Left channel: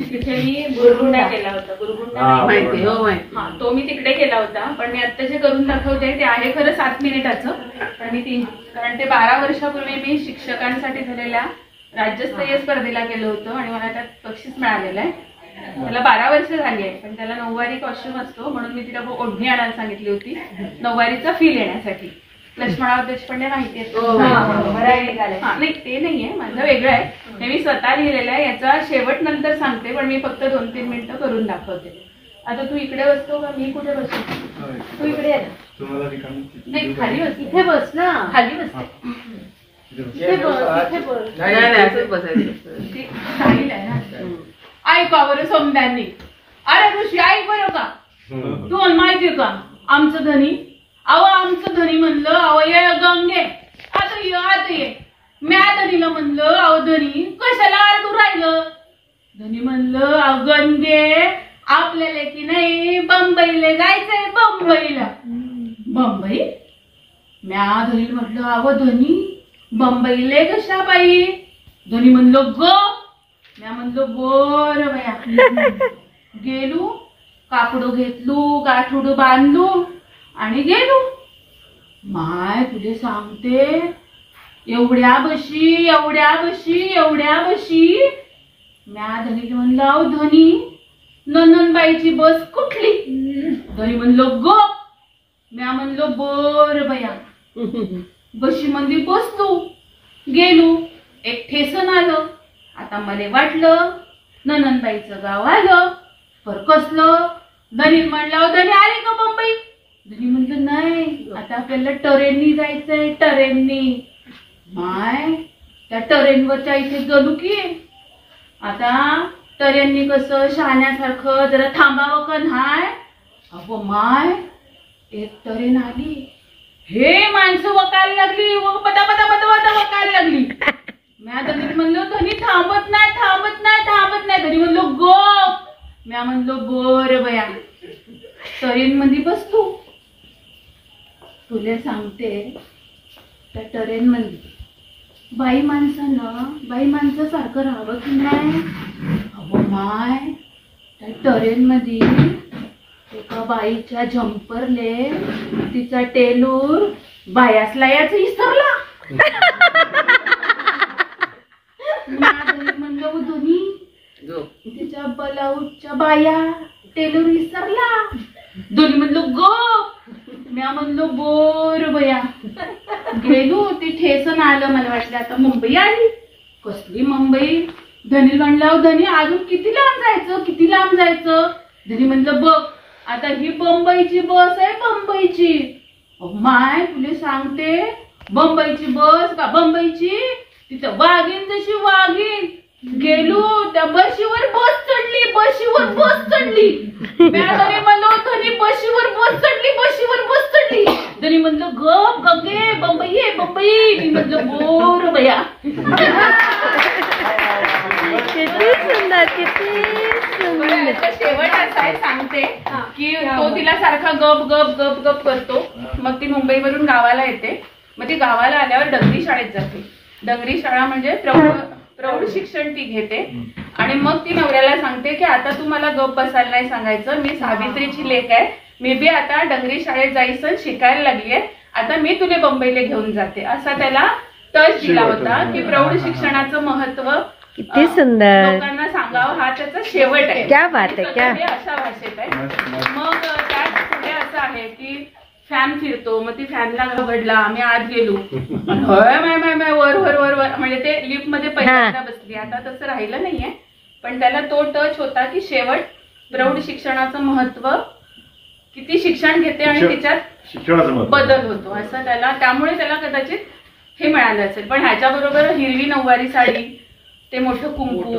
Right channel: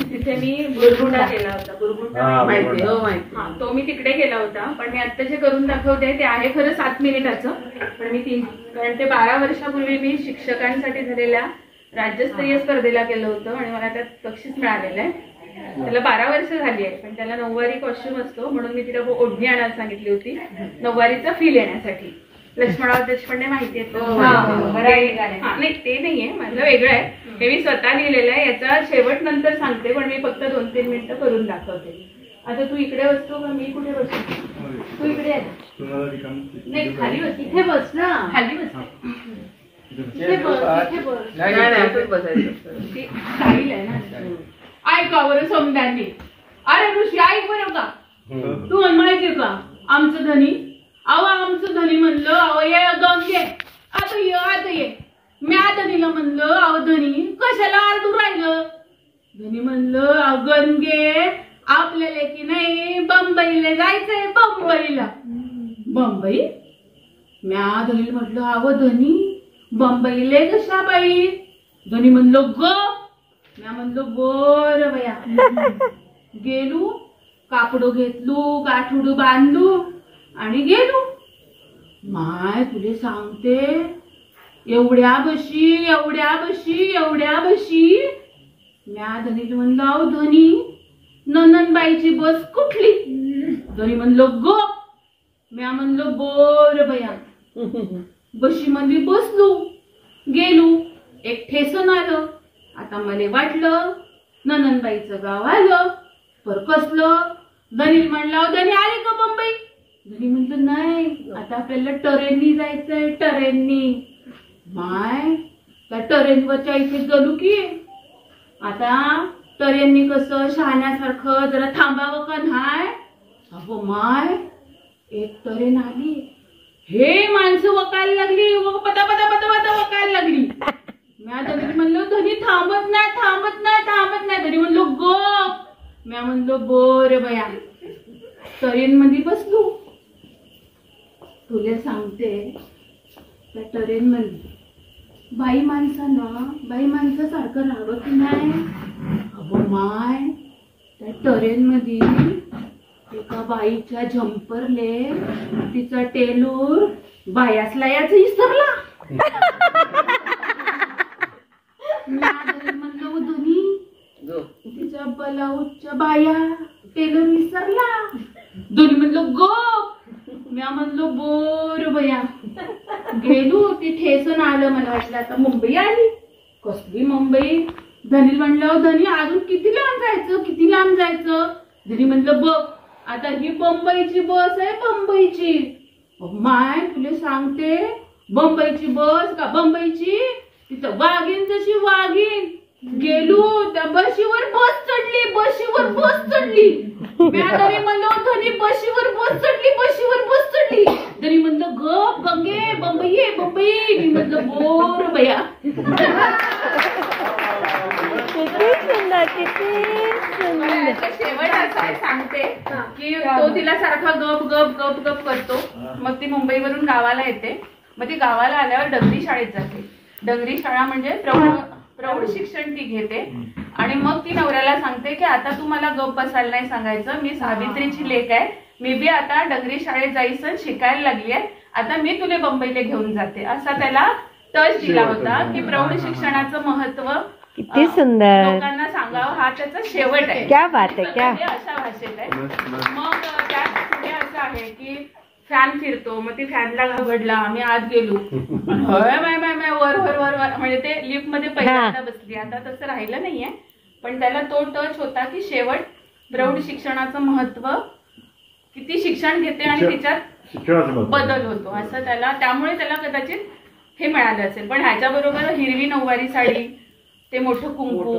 तिथे मी बुरगुंडा केला होता. बुरगुंडा माहिती हो माहिती. हा, तो मी तिकडे केला होता. पण मी आता जे करून दाखवते ते आहे खरं 7 मिनिटाचं. पण मी कारण ते 12 वर्षापूर्वी मी शिक्षकांसाठी झालेल्या राज्यस्तरीय स्पर्धेला केलं होतं आणि मला त्यात बक्षीस मिळालेलं आहे. त्याला 12 वर्ष झाली आहे, पण त्याला नऊवारी कॉस्ट्युम असतो म्हणून मी तिला ओढणी आणायला सांगितली होती नऊवारीचा फील येण्यासाठी. लक्ष्मणराव देशपांडे माहिती आहे? हा नाही, ते नाहीये, माझं वेगळं आहे. हे मी स्वतः लिहिलेलं आहे. याचा शेवट नंतर सांगते, पण मी फक्त 2-3 मिनिटं करून दाखवते. आता तू इकडे बसतो का मी कुठे बसतो? तू इकडे आहे ना? नाही, खाली बस. इथे बस ना, खाली बस. इथे बस, इथे बस. नाही असंच बसायचं. ती स्टाईल आहे ना. ऐका बरं समद्यांनी. अरे ऋषी ऐक बरं का, तू माहितीये का आमचं धनी? अहो आमचं धनी म्हणलं, अहो ये गंगे आता ये. म्या धनीला म्हणलं, अहो धनी कशाला आरडू राहिलं? धनी म्हणलं, अहो गंगे आपल्याला की नाही बंबईला जायचंय. बंबईला? बंबई? म्या धनी म्हटलं, अहो धनी बंबईला कशा बाई? धनी म्हणलं ग. म्या म्हणलो बर बया. गेलो, कापड घेतलो, गाठोड बांधलो आणि गेलो. माय तुले सांगते, एवढ्या बशी म्या धनी म्हणलं, अहो धनी नंदनबाईची बस कुठली? धनी म्हणलो ग. म्या म्हणलो बर बया. बशी मध्ये बसलो, गेलो. एक ठेसन आलं. आता मला वाटलं नंदनबाईचं गाव आलं. पर कसलं? धनी म्हणलं, धनी आले का बंबई? धनी म्हणलं नाही, आता आपल्याला ट्रेननी जायचंय. ट्रेननी? माय त्या ट्रेनवरच्या इथे गेलो की आता ट्रेननी कसं शहाण्यासारखं जरा थांबावं का नाही? अगो माय एक ट्रेन आली. हे माणसं वकायला लागली, पता वकायला लागली. म्या धनी म्हणलो, धनी थांबत नाही. धनी म्हणलो गप. म्या म्हणलो बर बया. ट्रेन मध्ये बसलो. तुला सांगते, त्या ट्रेन मध्ये बाई माणसासारखं राहावं की नाही? अहो माय त्या ट्रेन मध्ये एका बाईच्या झंपरले तिचा टेलूर बायासला याच विसरला. म्हणलो धनी तिच्या ब्लाऊजच्या बाया टेलर विसरला. धनी म्हणलो ग. म्या म्हणलो बोर बया. गेलो. ती ठेसन आलं. मला वाटलं आता मुंबई आली. कसली मुंबई? धनी म्हणलं, धनी अजून किती लांब जायचं? धनी म्हणलं बघ आता ही बंबईची बस आहे. बंबईची? माय तुला सांगते, बंबईची बस का बंबईची? तिथं वाघीन जशी वाघीन. गेलो त्या बशीवर बस चढली. धनी म्हणलो, धनी बशीवर बस चढली. धनी म्हणलं गप गंगे बंबई. मी म्हणलं बोर बया. किती सुंदर. शेवट असा आहे सांगते की तो तिला सारखा गप करतो. मग ती मुंबईवरून गावाला येते. मग ती गावाला आल्यावर डंगरी शाळेत जाते. डंगरी शाळा म्हणजे प्रौढ शिक्षण ती घेते. आणि मग ती नवऱ्याला सांगते की आता तू मला गप बसायला नाही सांगायचं. मी सावित्रीची लेक आहे. मी बी आता डंगरी शाळेत जायचं शिकायला लागलीये. आता मी तुला बंबईला घेऊन जाते. असा त्याला टच दिला होता की प्रौढ शिक्षणाचं महत्व किती सुंदर लोकांना सांगावं. हा त्याचा शेवट आहे. क्या बात आहे. क्या अशा भाषेत आहे. मग त्यात पुढे असं आहे की फॅन फिरतो. मग ती फॅनला घाबरला. आम्ही आत गेलो. वर म्हणजे ते लिफ्ट मध्ये पहिल्यांदा बसली. आता तसं राहिलं नाहीये, पण त्याला तो टच होता की शेवट प्रौढ शिक्षणाचं महत्व, किती शिक्षण घेते आणि तिच्यात बदल होतो असं त्याला. त्यामुळे त्याला कदाचित हे मिळालं असेल. पण ह्याच्याबरोबर हिरवी नऊवारी साडी, ते मोठं कुंकू,